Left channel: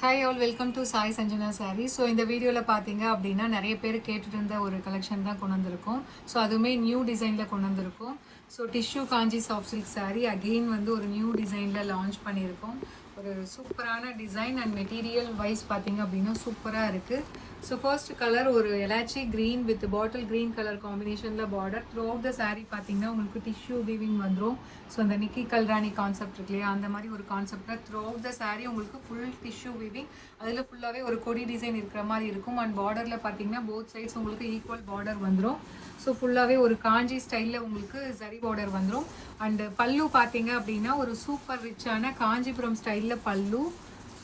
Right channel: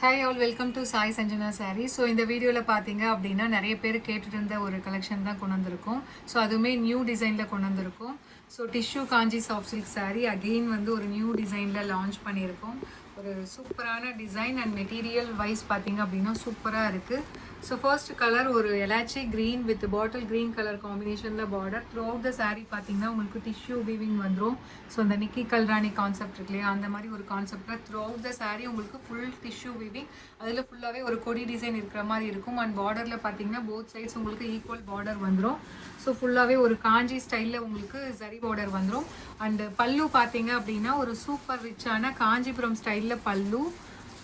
Hi all, welcome to Sai Sanjana sorry. So இந்த வீடியோவில் பார்த்தீங்க அப்படின்னா நிறைய பேர் கேட்டுட்டு இருந்த ஒரு கலெக்ஷன் தான் கொண்டு வந்திருக்கோம். ஸோ அதுவுமே நியூ டிசைனில் கொண்டு வந்திருக்கோம். ஸோ டிஷ்யூ காஞ்சி சாஃப்ட் சில்க் சாரி அகெயின் வந்து ஒரு நியூ டிசைனில் லான்ச் பண்ணியிருக்கோம். ஒரு சூப்பரான டிசைன் அண்ட் மெட்டீரியல் வைஸ் பார்த்தீங்க அப்படின்னா சூப்பராக இருக்குது. ஸோ ஃபர்ஸ்ட் கலர் ஒரு elaichi green with bottle green colour காம்பினேஷனில் border. Through of the saree பார்த்தீங்கன்னா உங்களுக்கு டிஷ்யூ வீவிங் வந்துடும். ஸோ அந்த நிக்கி கல்ராணி கான்செப்ட் இருக்கு இல்லையா, அந்த மாதிரி ஒரு கான்செப்டில் த்ரூ ஆஃப் த சாரீ உங்களுக்கு ஃபுல் டிஷ்யூ வீவிங், அதில் ஃபுல்லாகவே ஒரு கொடி டிசைன் இருக்கிற மாதிரி இருக்கும். அண்ட் பார்டரில் பார்த்தீங்கன்னா போத் சைட்ஸ் உங்களுக்கு ஈக்குவல் பார்டர் வந்துடும். ஸோ ஃபுல்லாகவே ஒரு காஞ்சி ஸ்டைலில் உங்களுக்கு சரி பார்டர் வந்துடும். அண்டு பல்லு பார்த்தீங்க அப்படின்னா ஒரு சூப்பர் ரிச்சான காஞ்சிபுரம் ஸ்டைலில் பல்லு.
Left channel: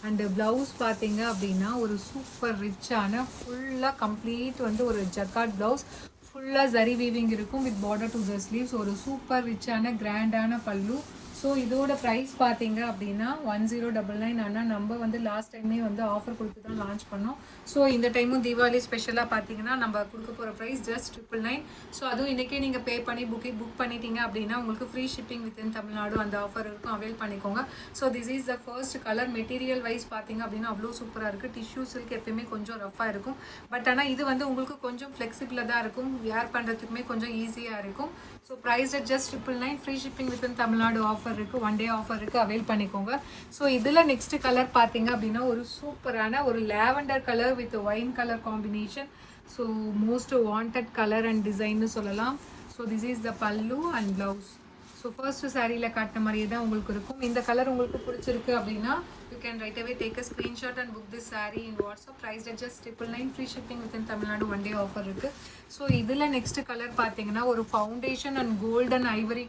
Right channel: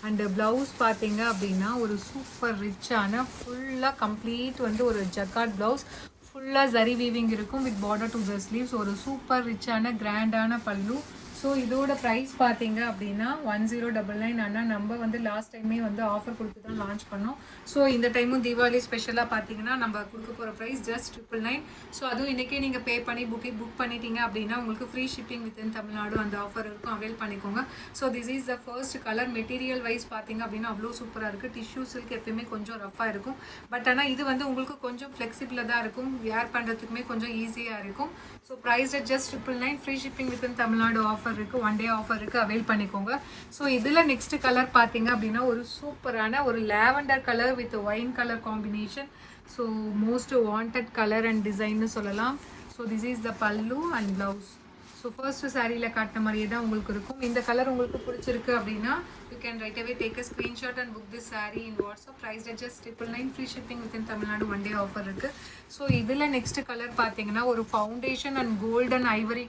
அண்டு ப்ளவுஸ் பார்த்தீங்க அப்படின்னா ஒரு சூப்பர் ரிச்சான ஃபுல்லாக கம்ப்ளீட் வந்து ஒரு ஜக்கார்ட் ப்ளவுஸ், ஃபுல்லாக ஜரி வீவிங் இருக்கும் with border to the sleeves. ஒரு சூப்பர் ரிச்சான கிராண்டான பல்லு. ஸோ இதோட ப்ரைஸ் பார்த்தீங்க அப்படின்னா 1099. ஆனால் நம்ம வந்து லாஸ்ட் டைமே வந்து ஆஃபர் கொடுத்துட்டு லான்ச் பண்ணோம். ஸோ இந்த டைமும் தீபாவளி ஸ்பெஷலாக பார்த்தீங்கன்னா நம்ம கொடுக்க போகிற ப்ரைஸ் ஜஸ்ட் 999. ஸோ அதுவும் இன்றைக்கே நீங்கள் பே பண்ணி புக் பண்ணிட்டீங்க அப்படின்னா உங்களுக்கு ஃப்ரீ ஷிப்பிங் வித்தின் தமிழ்நாடு அந்த ஆஃபர் இருக்கும், அவைல் பண்ணிக்கோங்க. So this is the first colour. Material wise பார்த்தீங்க அப்படின்னா அவ்வளோ சூப்பராக இருக்குது. டிஷ்யூ சில்க் எப்பயுமே கொஞ்சம் ரஃபாக இருக்கும், பட் ஆனால் இது வந்து உங்களுக்கு கொஞ்சம் ஃப்ளெக்சிபிளாக தான் இருக்கும், வேர் பண்ணுறதுக்குமே கொஞ்சம் ஈஸியாக இருக்கும். So price just 999. Free shipping within Tamil Nadu offer இருக்குது, 1 டே ஆஃபர் இருக்குது, அவைல் பண்ணிக்கோங்க. ஸோ இதில் நெக்ஸ்ட் கலர் பார்த்தீங்க அப்படின்னா ஒரு சூப்பரான ஒரு lavender colour with wine colour combination. So most wanted colour and டிசைன்னு சொல்லலாம். ஸோ திஸ் இஸ் த பல்லு அண்ட் ப்ளவுஸ். ஸோ ஃபர்ஸ்ட் சாரியில் காட்டின மாதிரியே தான் உங்களுக்கு இருக்கும். இந்த கலர் உங்களுக்கு பிடிச்சிருக்கு அப்படின்னா you can right away take a screenshot and book this sari in WhatsApp. Price just 999. Free shipping within Tamil Nadu 1 day offer இருக்குது. ஸோ இதில் நெக்ஸ்ட் கலர் பார்த்தீங்கன்னா ஒரு foundation and golden ivory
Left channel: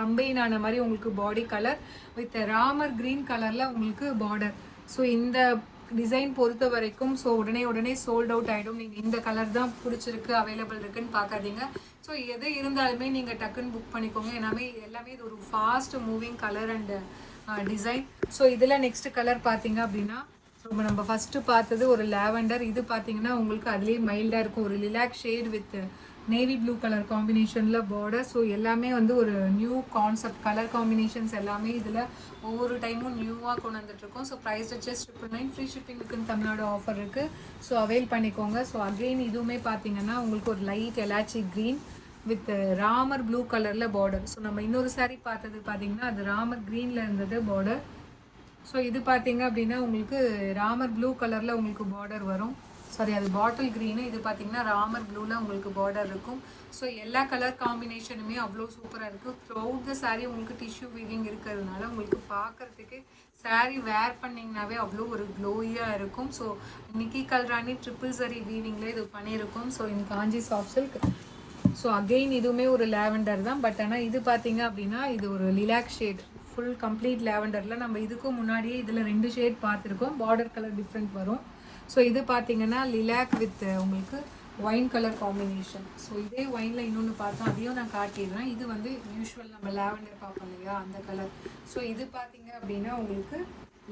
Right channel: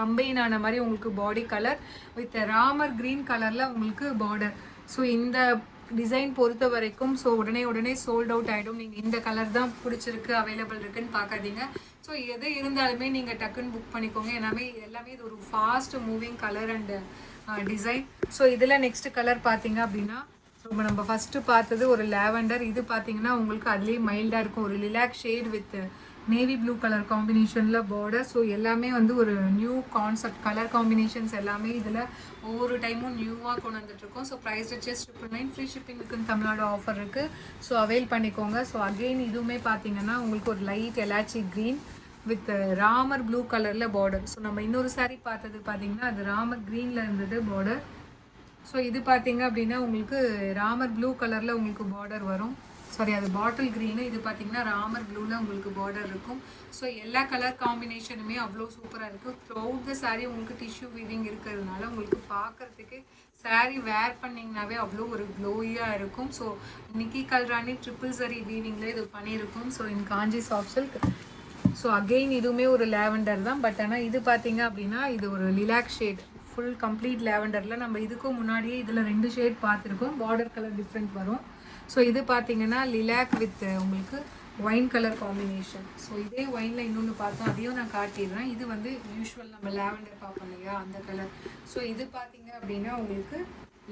combine ஆன மாதிரி உங்களுக்கு body colour with Ramar green கலரில் உங்களுக்கு border. So இந்த டிசைன் பொறுத்த வரைக்கும் ஸோ உடனே சோல்ட் அவுட் ஆகிடும். நீங்கள் இந்த கலர் தான் பிடிச்சிருக்கு அவைலபிள் இருக்குன்னு பார்க்காதீங்க. ஸோ எது இருந்தாலுமே நீங்கள் டக்குன்னு புக் பண்ணிக்கோங்க. எல்லாமே இது ஒரு fast moving colour and design. So இதில் நெக்ஸ்ட் கலர் பார்த்தீங்க அப்படின்னா ஸோ நம்ம ஃபஸ்ட்டு பார்த்தது ஒரு லாவெண்டர். இது பார்த்தீங்கன்னா உங்களுக்கு அதுலேயே மைல்டாக இருக்கும், ஒரு lilac shade with navy blue colour காம்பினேஷனில் பார்டர். ஸோ எல்லாமே வந்து ஒரு நியூ கான்செப்ட் கலர் காம்பினேஷன்ஸ் எல்லாமே இதில் ஒவ்வொரு டைமும் நியூவாக கொண்டு வந்துட்டுருக்கோம். So price just 999. Free shipping within Tamil Nadu offer இருக்குது. ஸோ அவைல் பண்ணிக்கோங்க. ஸோ அகெயின் இதுவுமே பார்த்தீங்கன்னா உங்களுக்கு ஒரு light elaichi green with Ramar blue கலரில் பார்டர். ஸோ நம்ம இன்னொரு சாரீ பார்த்தது பார்த்தீங்கன்னா அது ராமர் க்ரீனில் இருந்தது பார்டர். ஸோ இது பார்த்தீங்க அப்படின்னா உங்களுக்கு ராமர் ப்ளூ கலரில் உங்களுக்கு பார்டர் வரும். சாரி, அது பாட்டில் க்ரீனு. இது பார்த்தீங்கன்னா ராமர் ப்ளூவில் உங்களுக்கு பார்டர் இருக்கும். ஸோ எல்லா கலர் காம்பினேஷனுமே அவ்வளோ சூப்பராக இருக்குது. த்ரூஅவுட் த சாரீ உங்களுக்கு டிஷ்யூ வீவிங் இருக்கிறதுனால உங்களுக்கு பார்க்குறதுக்கு சாரீ வேர் பண்ணிங்கனாவே அவ்வளோ ஒரு க்ளோயாக இருக்கும். ஸோ நிக்கி கல்ராணி ட்ரிபிள் சரி வீவிங்கில் இது பண்ணியிருக்கும். So in Kanchi soft silk. So again இதுவுமே ஒரு லாவெண்டர் தான், பட் ஆனால் இது பார்த்தீங்க அப்படின்னா இது ஒரு லிலாக் ஷேட், ஃபுல் கம்ப்ளீட் லாவெண்டரில். நம்ம இதுக்கும் முன்னாடியே இதில் 2 ஷேட் பார்த்துருக்கோம், பார்டர் கலர் டிஃப்ரெண்ட் வரும். ஸோ இது பார்த்தீங்கன்னா லிலாக் வித் உங்களுக்கு ஒயின் கலர் காம்பினேஷன். ஸோ இதே ஒயினில் இன்னொன்று பார்த்தோம், அதையும் நான் காட்டிடுறேன். இது வந்து யூஸ்வல் நம்ம லாவெண்டர் பார்ப்போம் இல்லையா, அந்த கலர். ஸோ இது பார்த்தீங்க அப்படின்னா உங்களுக்கு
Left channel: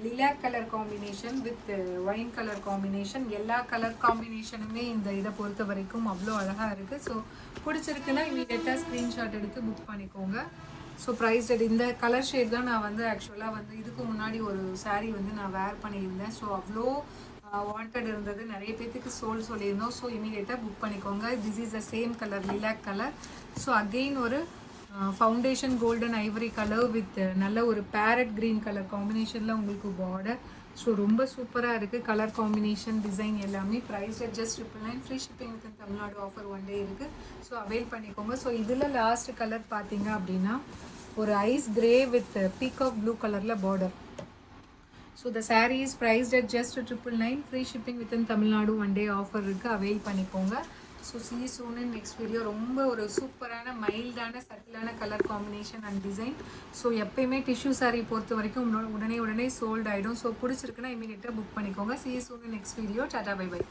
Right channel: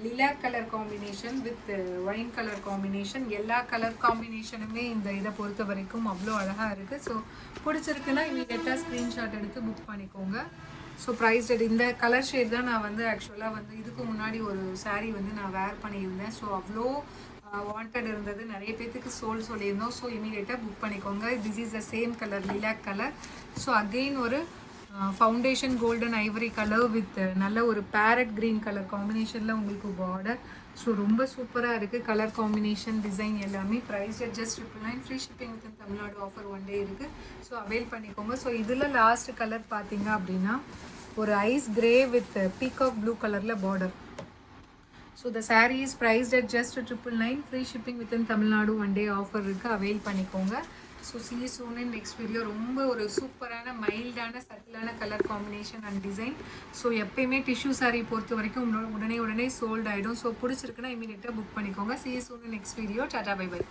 lilac colour combination with wine colour combination. எல்லா கலர் காம்பினேஷனுமே இந்த இதை பொறுத்த வரைக்கும் அவ்வளோ அழகாக இருக்குது. ஸோ பிடிச்சிருக்குன்னா இமீடியட்டாக ஸ்க்ரீன்ஷாட் எடுத்து புக் பண்ணிக்கோங்க. ஸோ ப்ரைஸ் இந்த கலர் ஷேட் தான் நான் வந்து ஆக்சுவலாக வந்து இதுக்கு முன்னாடி ஒரு சாரீ வந்து நான் வேர் பண்ணியிருந்தேன். ஸோ அவ்வளோ வாண்டட் இருந்தது, நிறைய பேர்த்துக்கு சொல்லியிருந்தோம். ஸோ இமீடியட்டாக புக் பண்ணிக்கோங்க. This is the same colour, lilac colour. So again ஒரு foundation golden ivory colour with நல்ல ஒரு பேரட் க்ரீன் கலர் காம்பினேஷனில் உங்களுக்கு பார்டர். ஸோ ரொம்ப சூப்பராக இருக்குது கலர் காம்பினேஷன், டிசைன் எல்லாமே. Price just 999. Free shipping with Tamil Nadu offer 1 day இருக்குது. ஸோ அவைல் பண்ணிக்கோங்க. ஸோ இதில் லாஸ்ட் கலர் பார்த்தீங்க அப்படின்னா ஒரு ice grey with peacock blue கலரில் border. So the saree is priced at just 999. Free shipping within Tamil Nadu 1 day offer இருக்குது, avail பண்ணிக்கோங்க. So see you soon in next video. ரொம்ப ஒரு சூப்பரான மைல்டான சட்டிலான colour combination and design. So எப்பயுமே tissue sari பொறுத்த வரைக்கும் உடனே சோல்ட் ஆகிடும். ஸோ பிடிச்சிருக்குன்னா இமீடியட்டாக புக் பண்ணிக்கோங்க. see you soon in next video. Tata, bye by.